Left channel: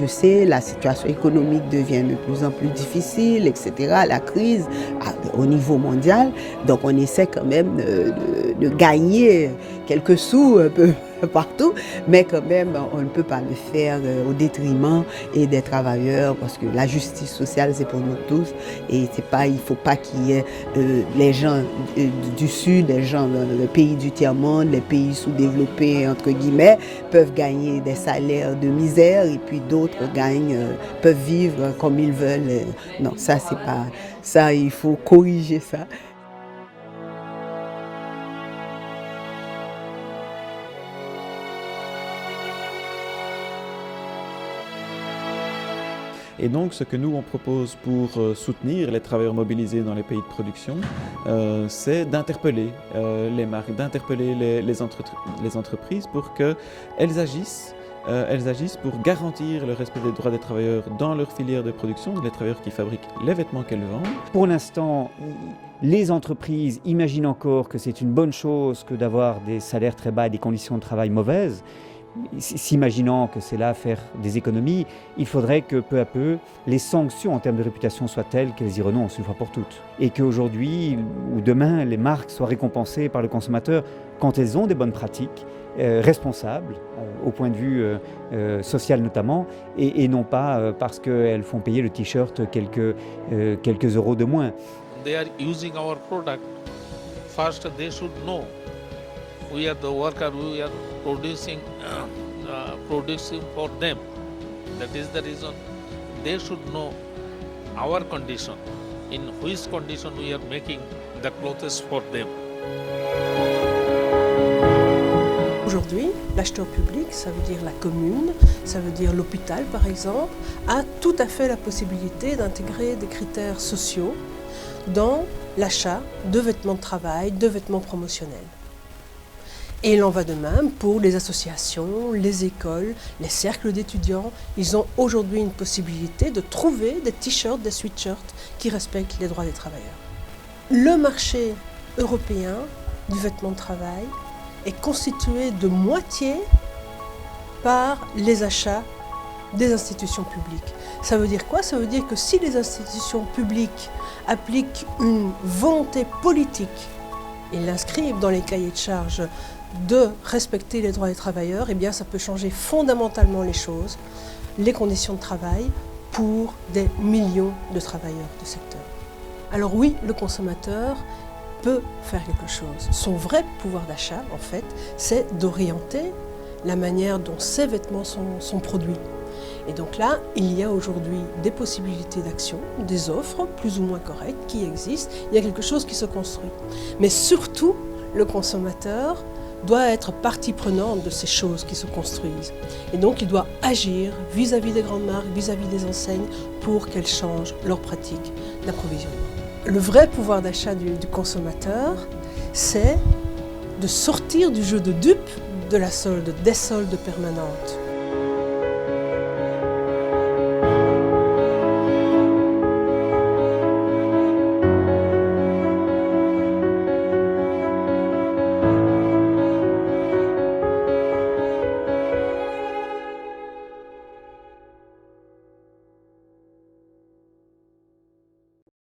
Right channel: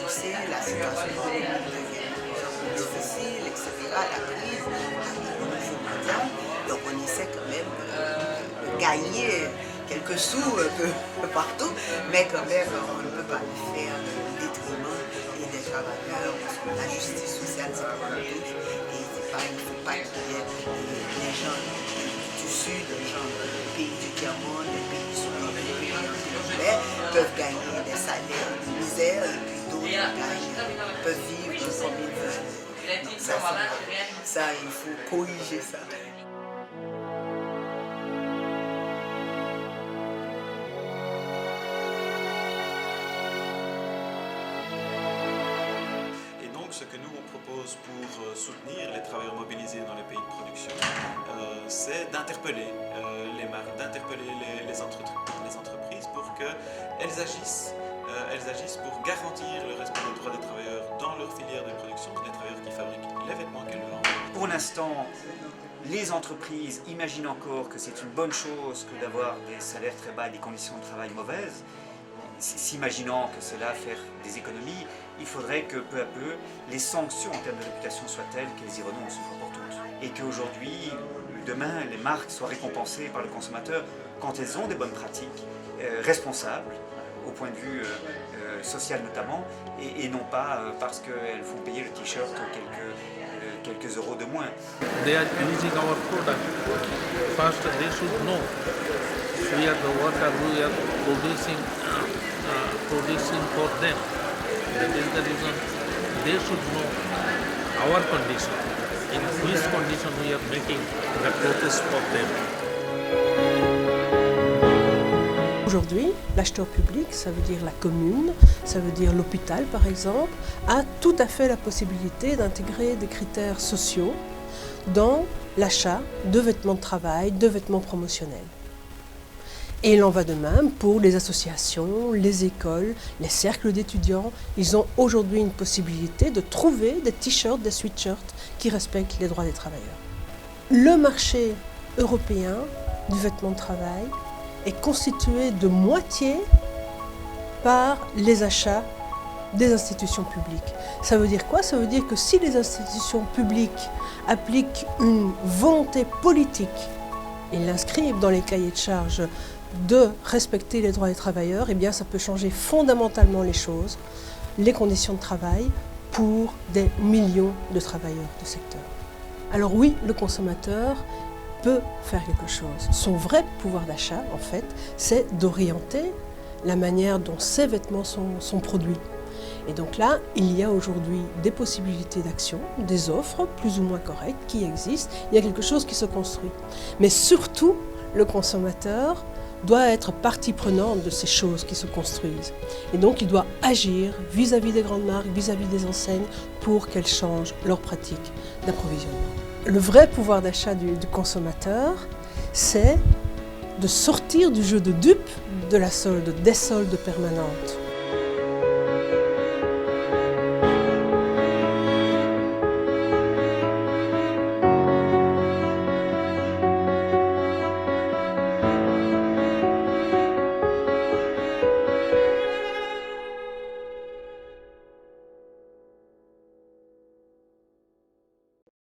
je sais, la situation économique devient de plus en plus difficile, etc., la crise au niveau mondial. Donc on essaie quand même de gagner quelques sous un peu partout, mais quand même on ne peut pas le faire au détriment et des travailleurs, parce que la justice sociale c'est pour nous tous, et c'est pas, il faut pas qu'il y ait les gens du Sud, les gens les pays du tiers-monde, les pays sous-développés entre guillemets, peuvent gagner des salaires de misère et puis d'autres peuvent vivre comme ils veulent. Non, ça c'est pas ça, il faut corriger ça. Et donc, ce que nous, on propose pour soutenir les travailleurs mobilisés dans les pays de production, c'est d'interpeller les marques, d'interpeller les entreprises pour qu'elles agissent pour garantir le respect des droits des travailleurs dans leur filière de production, les travailleurs qui fabriquent les vêtements qu'elles vendent. Pour l'instant, les entreprises imaginent encore que c'est une bonne chose que d'avoir des salaires très bas et des conditions de travail mauvaises. S'imaginant que c'est là faire des économies, il faudrait que peu à peu les sanctions en termes de réputation soient telles qu'elles y renoncent une fois pour toutes. Et qu'aujourd'hui, demain, les marques soient récompensées par le consommateur quand elles ont des bonnes pratiques, responsables, au point de vue social notamment, et non pas parce qu'elles font payer le t-shirt quelques euros de moins. They are using our product. First, they should know we are the worker, we are producing for them. That is the reason they should know our condition, in which condition we are making the clothes for them. Aujourd'hui, l'acheteur public, ça veut dire la commune, ça veut dire l'hôpital par exemple, a tout à fait la possibilité d'intégrer des critères sociaux dans l'achat de vêtements de travail, de vêtements promotionnels. Et il en va de même pour les associations, les écoles, les cercles d'étudiants. Ils ont aujourd'hui une possibilité de trouver des t-shirts, des sweatshirts qui respectent les droits des travailleurs. Le marché européen du vêtement de travail est constitué de moitié par les achats des institutions publiques. Ça veut dire quoi? Ça veut dire que si les institutions publiques appliquent une volonté politique et l'inscrivent dans les cahiers de charges de respecter les droits des travailleurs, eh bien ça peut changer fondamentalement les choses, les conditions de travail pour des millions de travailleurs du secteur. Alors oui, le consommateur peut faire quelque chose. Son vrai pouvoir d'achat, en fait, c'est d'orienter la manière dont ces vêtements sont produits. Et donc là, il y a aujourd'hui des possibilités d'action, des offres plus ou moins correctes qui existent. Il y a quelque chose qui se construit. Mais surtout, le consommateur doit être partie prenante de ces choses qui se construisent. Et donc il doit agir vis-à-vis des grandes marques, vis-à-vis des enseignes, pour qu'elles changent leurs pratiques d'approvisionnement. Le vrai pouvoir d'achat du consommateur, c'est de sortir du jeu de dupes de la solde, des soldes permanentes.